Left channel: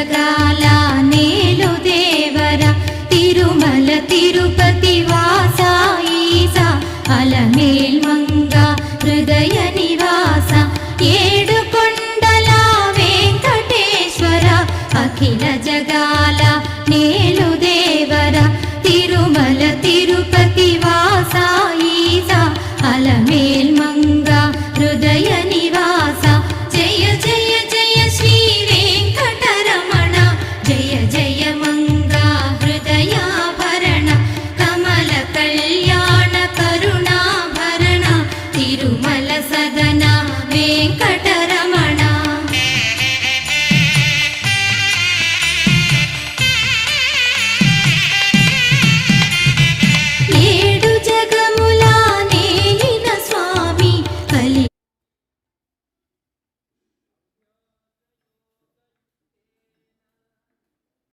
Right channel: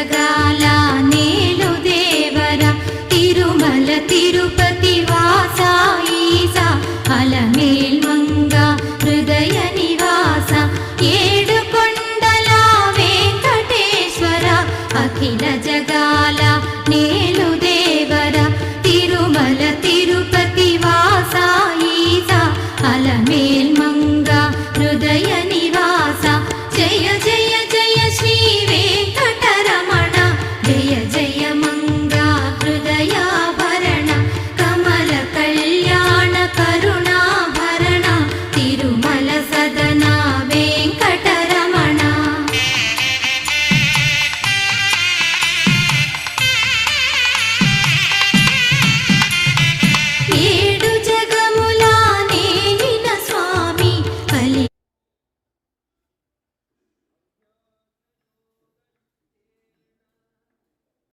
జగాల నేలు దేవర తిరుమల తిరుపతి వాస ఈసా అలమేల్ మంగ హృదయ నివాస ఏడు కొండల వెంకటేశ్వర అఖిల జగాల నేలు దేవర తిరుమల తిరుపతి వాస ఈసా అలమేల్ మంగ హృదయ నివాస